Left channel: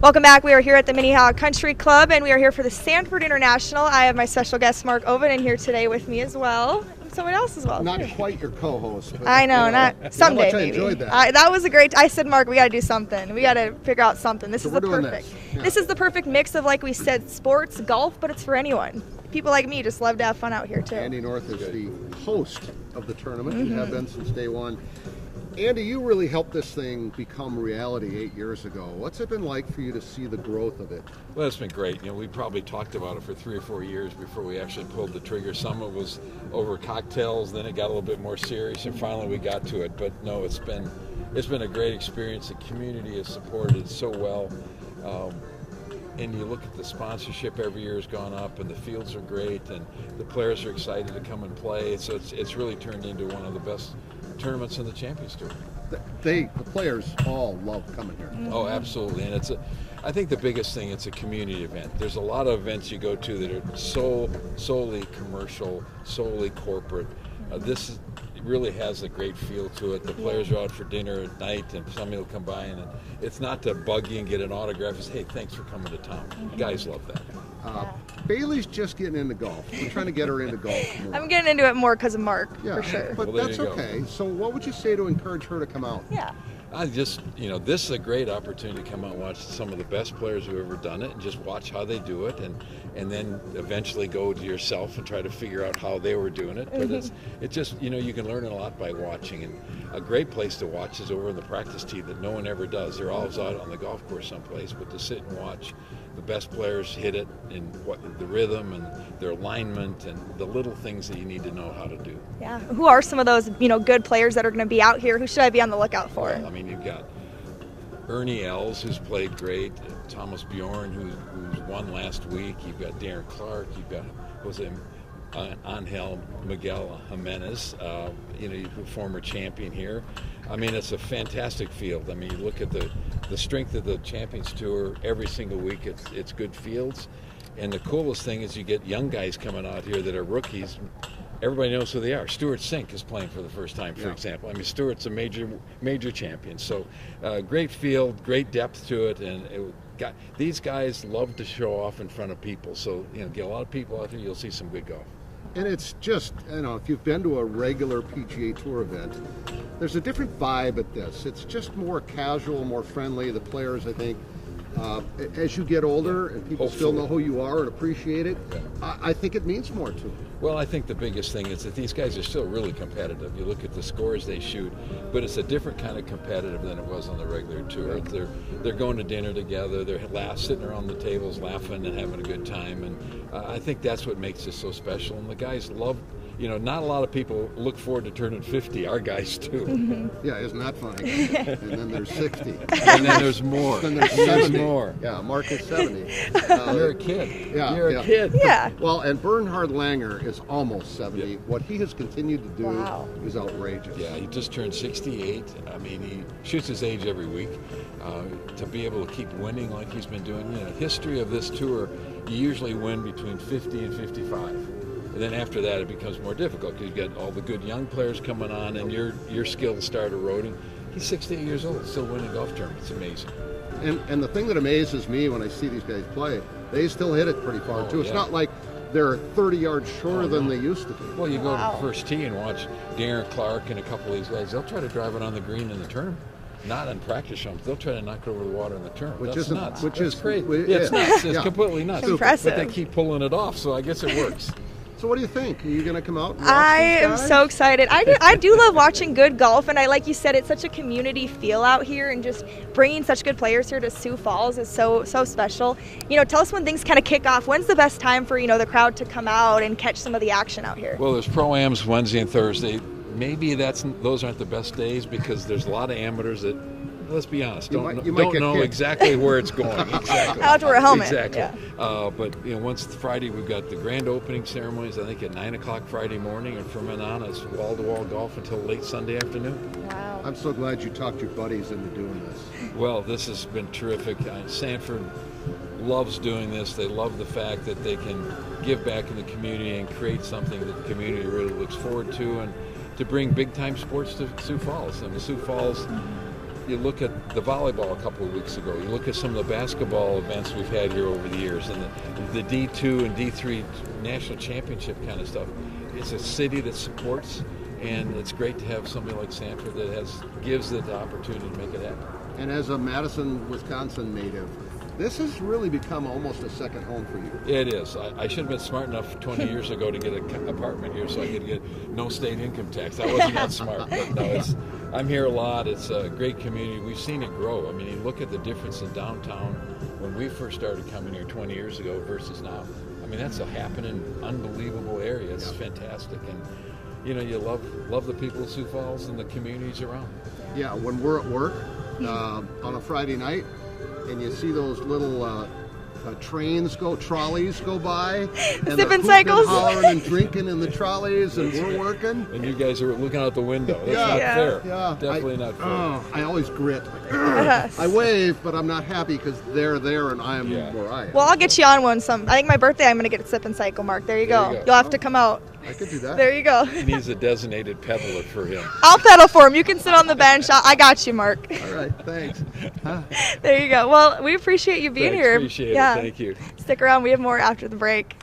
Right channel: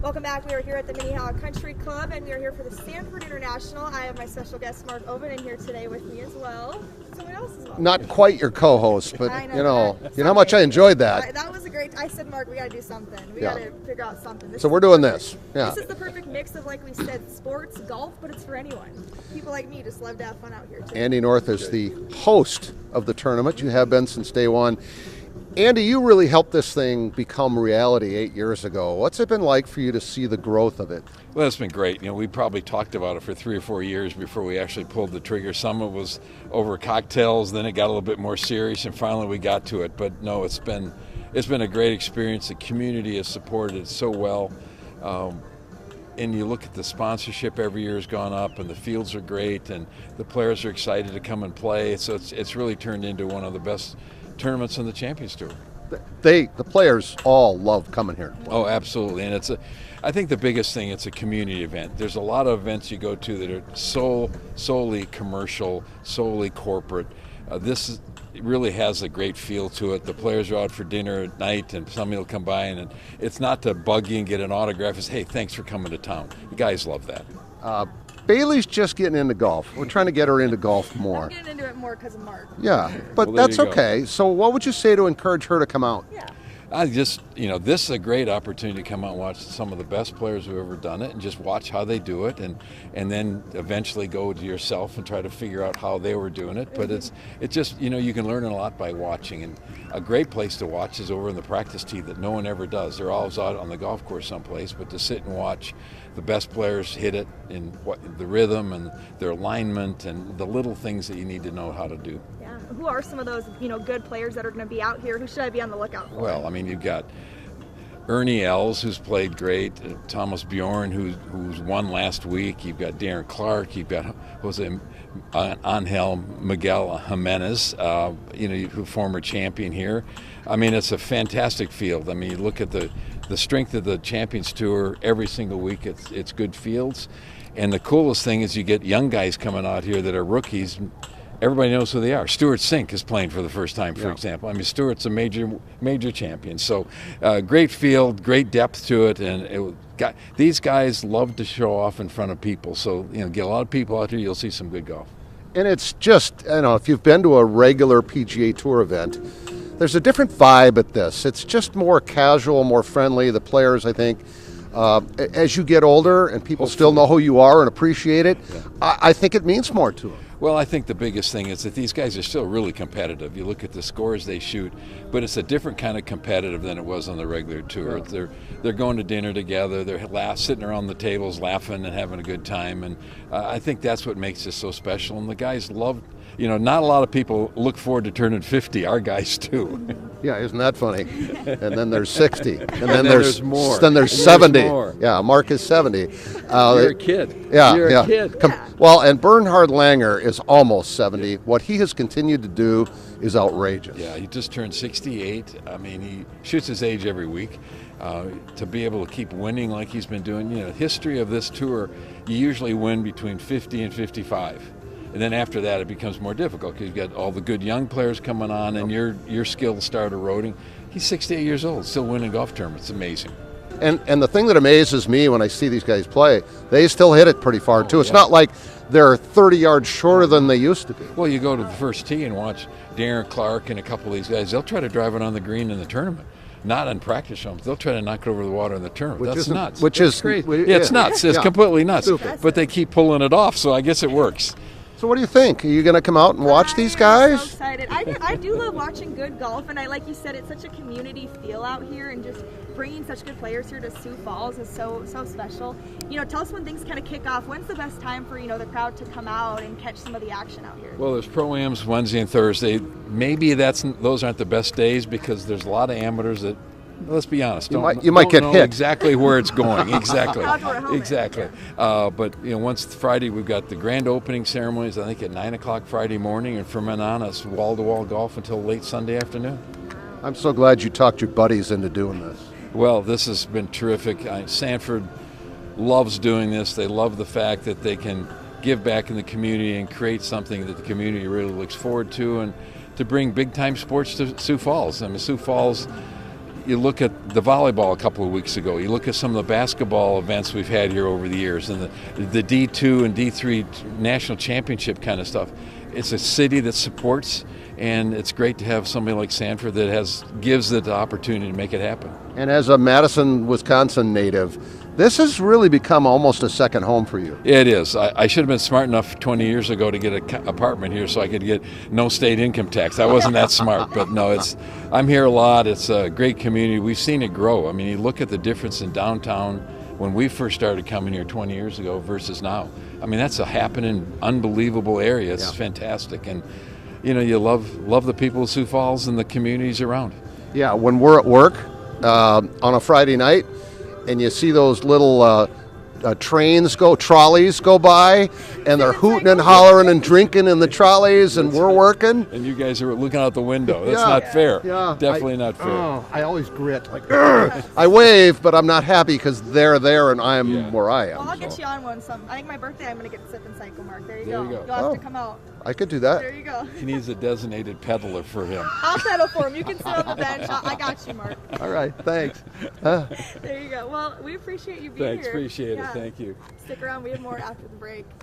Welcome back. We are here at the Minnehaha Country Club, and we are here for the Sanford International. I have my special guest, Mark Oven, in here today with me as well. Someone else as well. Not quite your co-host, but I know. you know how much I Someday, enjoyed that. That was a great. I said, Mark, we got to do something. We got to figure out something. So we're doing this. Yeah. This is the perfect mix of, like we said, sports, golf, but it's for anyone. People like me just love to have fun out here too. Andy North is the host of the tournament. You have been since day one. Andy, you really helped this thing become reality 8 years ago. What's it been like for you to see the growth of it? Well, it's been great. We probably talked about it for 3 or 4 years before we actually pulled the trigger. Some of it was over cocktails, then it got a little bit more serious, and finally we got to it. But no, it's been a great experience. The community has supported it so well. And you look at the sponsorship every year has gone up, and the fields are great, and the players are excited to come and play. So it's really turned into one of the best tournaments in the Champions Tour. The players all love coming here. Oh, absolutely, and I think the biggest thing, it's a community event. There's a lot of events you go to that are solely commercial, solely corporate. This really has a great feel to it. The players are out for dinner at night, and somebody will come by, and it's not to bug you and get an autograph. It's, hey, thanks for coming to town. Guys love that. Bailey's just getting into golf. We're trying to get her into golf more. I'm getting into it more because of Mark. Yeah, for sure. but Well, that's there you go. okay. So what would you say to encourage her to come out? Yeah. This is a great opportunity to come out and watch some of the best players who've ever done it, and just watch how they do it, and then eventually go to yourself and try to figure out how they were doing it. But it's just, you can learn a lot by watching, and a great place to watch is over in the practice tee that no one ever does. They're always out on the golf course someplace, but to sit and watch the best players hit it in the rhythm and their alignment and the little things that you need to know how to do. Yeah. Who are some of those, good players that are going to be out here? Who should I be on the lookout for? Well, you've got Ernie Els, who's played great, Thomas Bjorn, who's won last week. You've got Darren Clark. You've got Angel Miguel Jimenez, former champion here. It's a fantastic field. You look at the strength of the Champions Tour every single week. It's good fields, and the coolest thing is you get young guys coming out here that are rookies. Everybody knows who they are. Stuart Sink is playing for the first time, for example. Stuart's a major champion. So great field, great depth to it, and these guys love to show off in front of people. So get a lot of people out here, you'll see some good golf. And it's just, if you've been to a regular PGA Tour event, there's a different vibe at this. It's just more casual, more friendly. The players, I think, as you get older and people still know who you are and appreciate it, I think it means more to them. Well, I think the biggest thing is that these guys are still really competitive. You look at the scores they shoot, but it's a different kind of competitive than it was on the regular tour. They're going to dinner together, they're sitting around the tables laughing and having a good time, and I think that's what makes this so special. And the guys love, not a lot of people look forward to turning 50. Our guys do. Mm-hmm. Yeah, isn't that funny? And then there's 60. And then there's more. Then there's 70. more. Yeah, Mark is 70. You're a kid. Yeah, You're yeah. a kid. Yeah. Well, and Bernhard Langer is almost 70. What he has continued to do is outrageous. Yeah, he just turned 68. He shoots his age every week. To be able to keep winning like he's been doing, history of this tour, you usually win between 50 and 55. And then after that, it becomes more difficult because you get all the good young players coming on, and your skills start eroding. He's 68 years old, still winning golf tournaments. It's amazing. And the thing that amazes me when I see these guys play, they still hit it pretty far too. It's not like they're 30 yards shorter than they used to be. Well, you go to the first tee and watch Darren Clark and a couple of these guys. They'll try to drive it on the green in the tournament. Not on practice rounds. They'll try to knock it over the water in the tournament. That's nuts. Which is crazy. yeah. It's nuts. It's completely nuts. Impressive. But they keep pulling it off, so I guess it works. So what do you think? Are you going to come out and watch these guys? I am so excited. I do love watching good golf, and like you said, it's such a community feel out here, and just bringing such good players here to Sioux Falls is so special. Tell us when things kind of kick off. When's the best time for the crowd to come out and catch some of the action out here? Well, there's pro-ams Wednesday and Thursday. Maybe those aren't the best days because there's a lot of amateurs that, let's be honest, you might get know hit. exactly where it's going. Exactly. I'll have to wear a helmet. Exactly. Yeah. But once Friday, we've got the grand opening ceremonies. I think at 9:00 Friday morning, and from then on, it's wall-to-wall golf until late Sunday afternoon. Wow. I'm so glad you talked your buddies into doing this. Well, this has been terrific. Sanford loves doing this. They love the fact that they can give back in the community and create something that the community really looks forward to, and to bring big-time sports to Sioux Falls. Sioux Falls you look at the volleyball a couple of weeks ago. You look at some of the basketball events we've had here over the years, and the D2 and D3 national championship kind of stuff. It's a city that supports, and it's great to have somebody like Sanford that gives it the opportunity to make it happen. And as a Madison, Wisconsin native, this has really become almost a second home for you. It is. I should have been smart enough 20 years ago to get an apartment here so I could get no state income tax. I wasn't that smart, but no, I'm here a lot. It's a great community. We've seen it grow. I mean, you look at the difference in downtown when we first started coming here 20 years ago versus now. I mean, that's a happening, unbelievable area. It's fantastic. And, you know, you love the people of Sioux Falls and the communities around. Yeah, when we're at work on a Friday night, and you see those little trolleys go by, and they're hooting and hollering and drinking in the trolleys, and we're working. And you guys are looking out the window. That's not fair. Yeah. Definitely not fair. I always grit. Like, I wave, but I'm not happy because they're there and I'm where I am. Well, I'll get you on one. I think my birthday, I'm going to get a sip and cycle, Mark. There you go. You'll have to come out. I could do that. There you go. He needs a designated peddler for him. I'll pedal for him. You can sit on the bench. I got you, Mark. All right, thanks. There you go. Well, we appreciate you being here. Appreciate it. Thank you. Stick around. We have more after the break.